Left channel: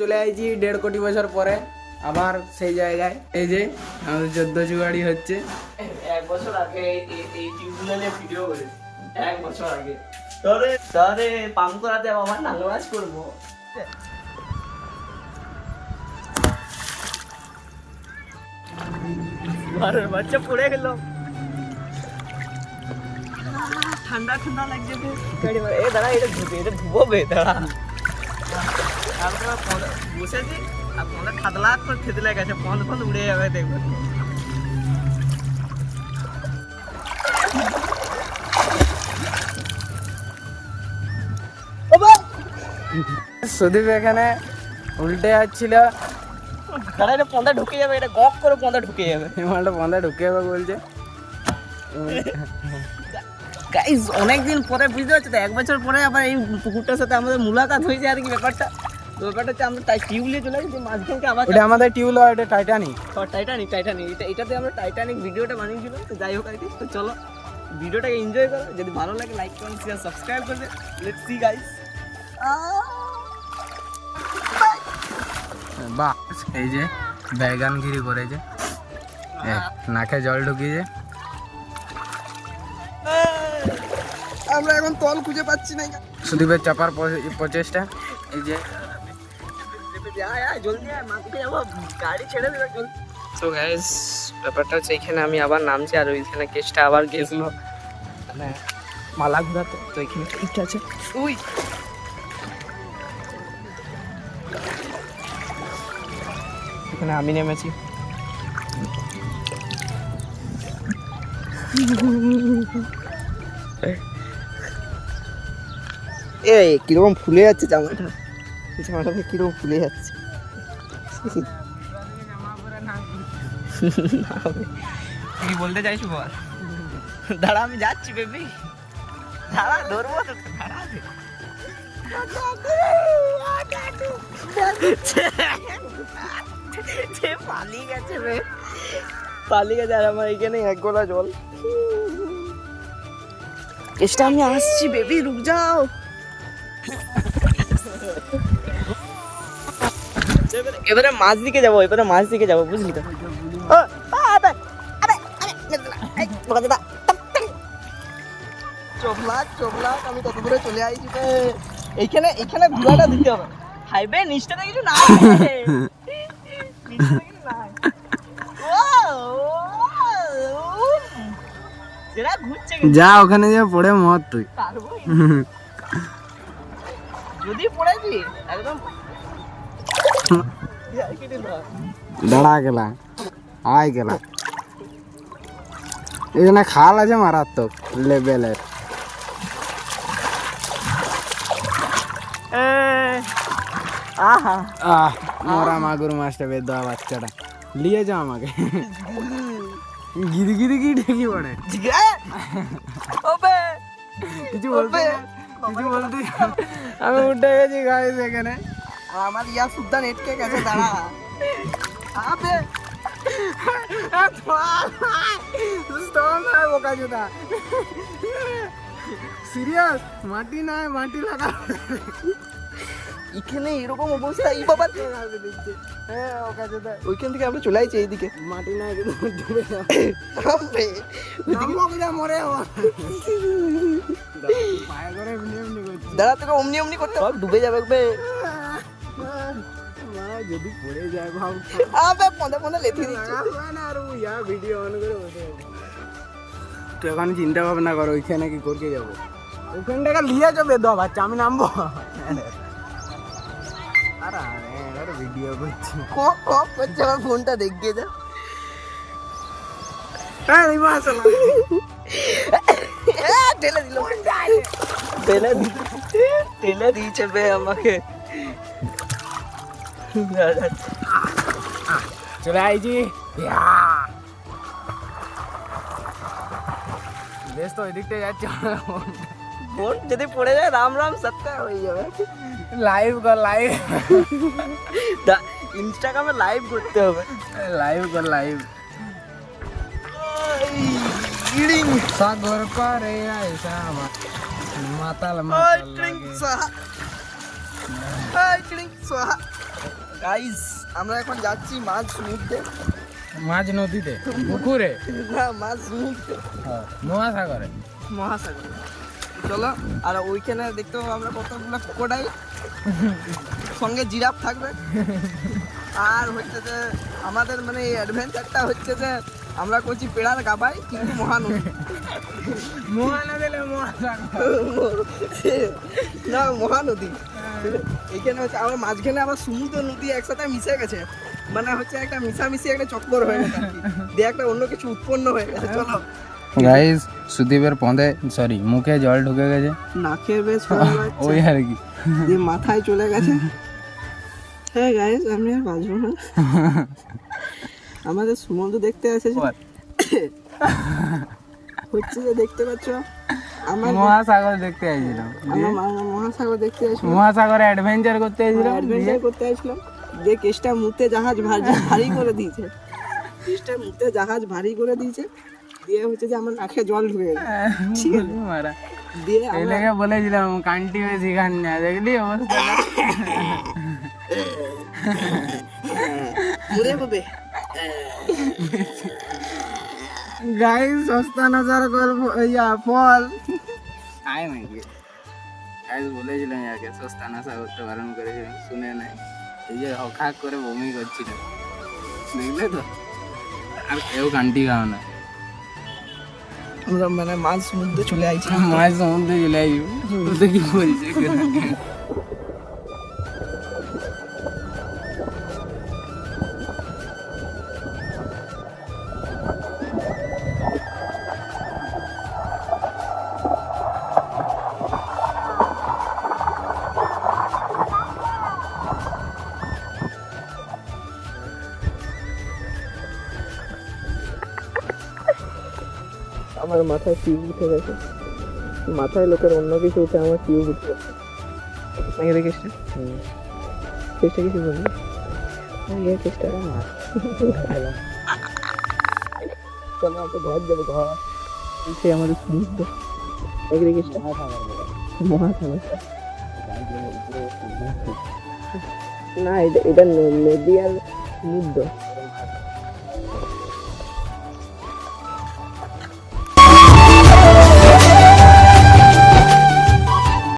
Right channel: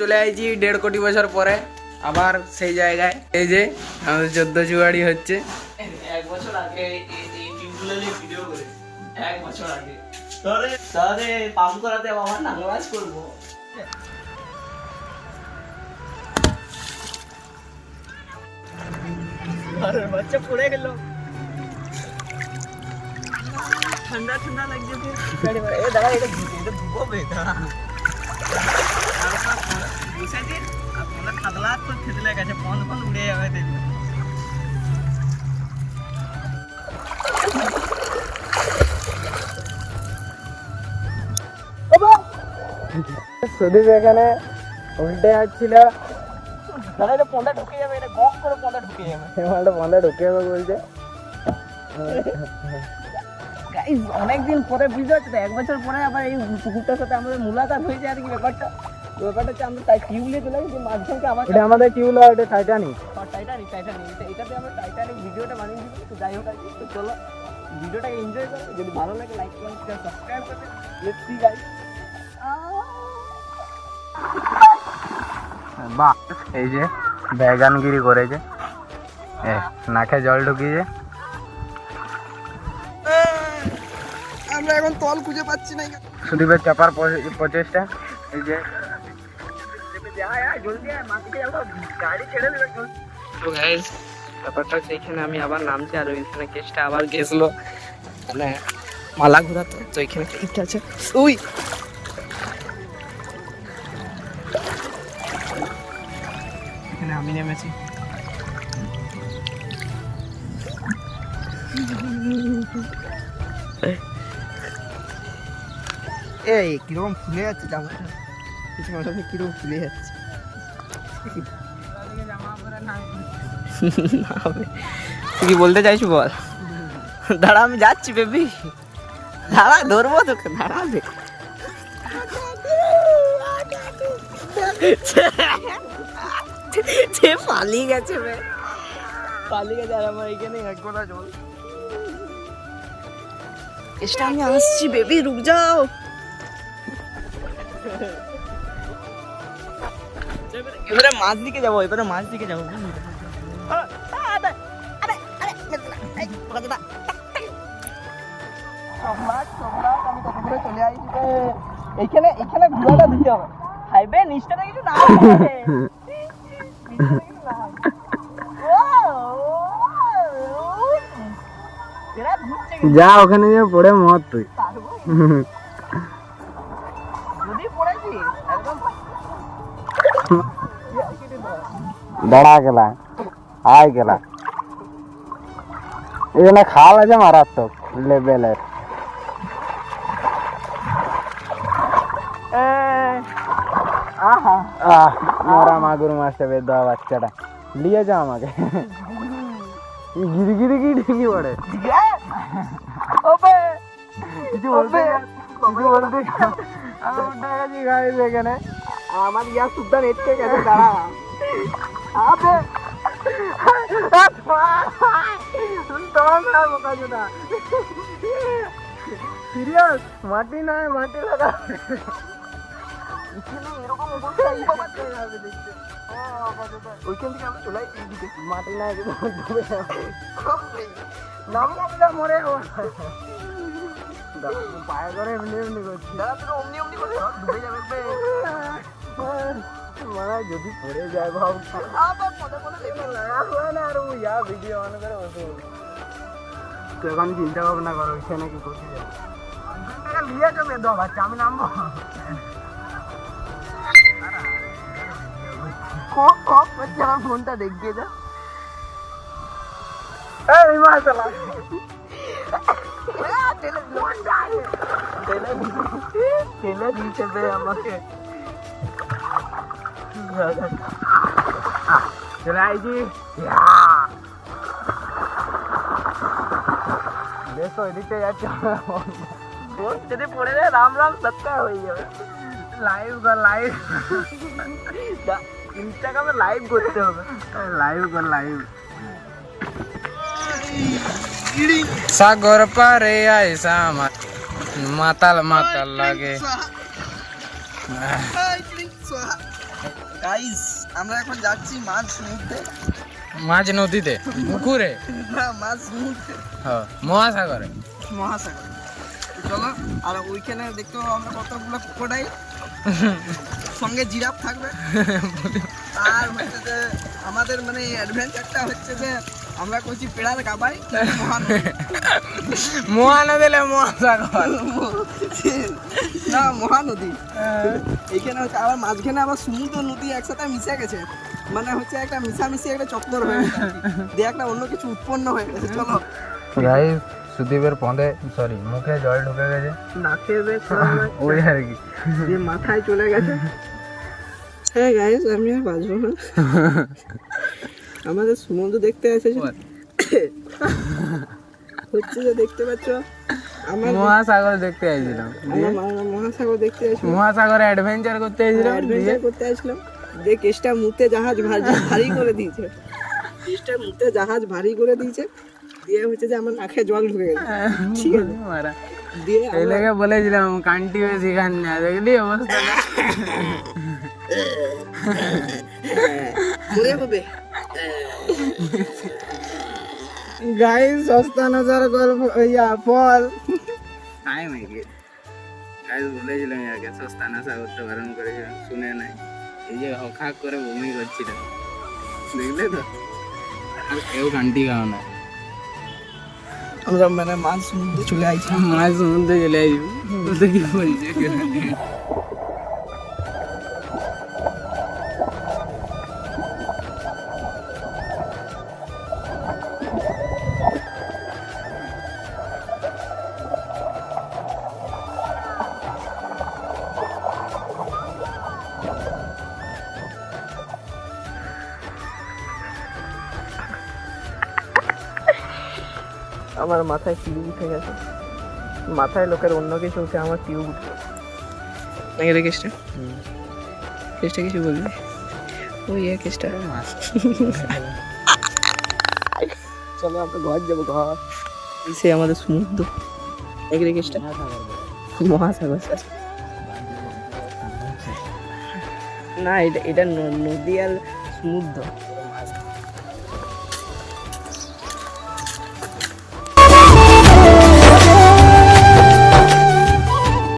চলে আইছি 1.5 কোটি বছর পরে আবার সেই জায়গায়। এই যে আমাদের 14 জুয়ারি হচ্ছে। 1 বছর আগে এই টিউবগুলো নিয়ে ভিডিও করেছি, 1 বছর আগে। তাহলে পাম্প করাতে আবার নাঙ্গলাজ করবো। বাচ্চা পড়ে গেল, ঠান্ডা ঠান্ডা লাগছে তো। এ দাঁড়া, এটা ধুবোবে, দাঁড়া বসে দিন। আর ফোনটা খাদলা করে খেতে লেগেছে, ফোন উড়ে যাবে দেখবো। সুদীপ এখানে উল্টে যাচ্ছিল। দাঁড়া, এটা পন্দা ঢুকে যাবে, এটা গপ করে পন্দা ঢুকে যাবে। মালটা পন্দা ঢুকে যাবে বলছে। গাইস অনেকদিন পরে বুঝতে পারছো তো, 1 বছর পরে আবার এই পুকুরটার সাথে আমাদের মুলাকাত হয়েছে আর কি। ব্যাপারটা হচ্ছে আমরা টিউব নিয়ে চলে গেছি মাঝখানকে। এটা আমাদের টিউব, এটা টাইটানিক। এটাতে আমরা টাইটানিক ভিডিওটা বানিয়েছিলাম। তো যাই হোক আর কি, তো চলো ভিডিওটাকে এনজয় করো। যদি ভালো লাগে লাইক করুন, শেয়ার সাবস্ক্রাইব করবে। Let's see guys. বাহ, এই যে ব্যাগানগিরি করেছে, নাকে জল ঢুকিয়েছে। আমরা এখন তল খুঁজে পাচ্ছি না। সুদীপের চাপার প্রচেষ্টা। এই যে তো গাইস, ব্যাপারটা হচ্ছে এখানে আমি আবার নামছি, আর ওইখানে কেসটা আবার গেছিলো মানে মালা ঘুরাতে। তো এখানে ঠিক আছে, ওই এখানে আমি নেমেছি। এই কিরকম ফুলে যাচ্ছে জামাটা, কিরকম ফুলে যাচ্ছে। তুই কি বলতে চাইছি বল? দাঁড়া, আমি যাচ্ছি বেবি, দাঁড়া ধরবো তোকে, দাঁড়াবে। পালিয়ে গেছে রে, পালিয়ে গেছে। আর আমার এখানে 1 গোলা জল। চেষ্টা, আমি আসছি বেবি, রুক যাও। এবারে মাছ দিকে যাবো, বুঝলি তো? আমি কত দূরে চলে আসছি। এইখানে ঘোড়াটা দিতে হবে। হাইবে নিচটাতে কিছু না, যা ওখানে যে পড়ে মত তুই। যদি পড়েছি একদম দাঁড়া গেলা, আয় গেলা। এখানে খাল আছে মারাত্মক লেভেলের। মরা মাগুর মাছটা বের দেওয়া, বাচ্চাটা নিয়ে যা আমাকে। গিরি গিরি গিরি কি পড়ে, কিছু বলতে আমি উঠে গেছি গাইস এখানে। আমার ইয়া সুদ্ধান এটকে গেছে, দাঁড়া। সিরিয়াস, মাটি নাই, মাটি লাগা এখানে এরকম অবস্থা। এই বাবা দেখছে, ওইখান থেকে আমরা চলে আসছি এইদিকে। মাটি নাই, মরে পায়ে করে এমনি এমনি করছে। দাঁড়া, তোকে অমনি এমনি করতে ডুবে যাবে। যদি পড়ে যায় ভাব, ভিডিও অন করে বসে। তুই এখন চিন্তা ভাবনা করো ওইখানে কি করতে যাবো। ওইখান থেকে লিয়ে চলে দো বাচ্চা, আমি নামবো। ভিডিও করছি, আমার ফোনটা দেখিয়ে যা। ঠেলে দিয়েছে বে আমাকে। চলে আইছি বেশ, তো ওইদিকটা যাচ্ছে। যদি পড়ে যায় রাম রাম সত্তা হয়ে যাবে। লাইভ কর, লাইভ ইনস্টাগ্রামে লাইভ করতে হবে। লাইভ কর, লাইভ। সাগর পারে আইসা মাতাল মাতাল লাগে। গাইস আমরা এখন যাচ্ছি মাছ সমুদ্রে, মাছ নদীতে, পুকুরে, না মাছ সমুদ্রে, মহাসাগরে। মহাসাগরে। চলো, আর ওইখানে দেখতে পাবো আমরা কতগুলো ক্রোকোডাইল, সঙ্গে জিরাফ থাকবে। আর হচ্ছে যে আমাদের মানে অ্যাডভেঞ্চারটা হচ্ছে যে আমরা করছি পেড়ার গাবাই মহানদী, মহানদী মহাসাগর না মহানদী। এইখানে হচ্ছে আবার মাঝখানে আবার সমুদ্র নদী একসাথে মিশে গেছে, মানে হচ্ছে একটা মিশামিশি একটা চক্কর হয়ে গেছে আর কি। দিয়ে একটা অন্য কিছু উৎপন্ন হয়ে গেছে। চলো গাইস, সুদীপের পদে সরি মুখে জল ঢুকে গেছে, নাকের বেশ ওই আর কি, দিয়ে মাথায় চলে গেছে। হ্যাঁ গাইস, আমি আর বাঁচবো না। আমাদের সমুদ্র দেখতে এসেছি, হচ্ছে যে দেখতে পাচ্ছ আমার মহাসাগর দেখতে আইছিলাম, আমরা মহাসাগর দেখতে এসেছি, মহাসাগরে অ্যাডভেঞ্চার করতে আইছিলাম, অ্যাডভেঞ্চার করতে এসেছিলাম। যে কেসটা মুতে জাহাজ ভারী করে দিয়েছে, কেসটা মুতে জাহাজ ভারী করে দিয়েছে। দিয়ে হচ্ছে যে আমার নাকে জল ঢুকে গেছে। দিয়ে এলাকা বলেছিলাম কান্টি বেশি খান না, দেখলি অবস্থা। মরে হবে গাইস, সস্তা নজর করবো ইয়া ফল আয় নাকি গাইস, বলেছিলাম ইয়াকে সস্তা নাশা করতে বারণ করেছিলাম, শুনে নাই। এই যে অখা করে বমি করছিল, দেখলে তো। আর কেউ কান্টি খাও না, আমরা মানে মাছ সমুদ্রে চলে আইছি। মাছ সমুদ্রে চলে আসবো, কি বলছে। আমার মাথায় টিউব উঠে গেছে, মাথায় লোকের অন্য কিছু উঠে আমার টিউব উঠে গেছে। দেখে কেসটা, কেসটা কিছু বলবি? ওই কেসটা চলো আমরা ঘর যাবো, ঘর সে আমাদের সমুদ্র। দেখে কেসটা মহাসাগর, না এটা এটা নদী আর সমুদ্র।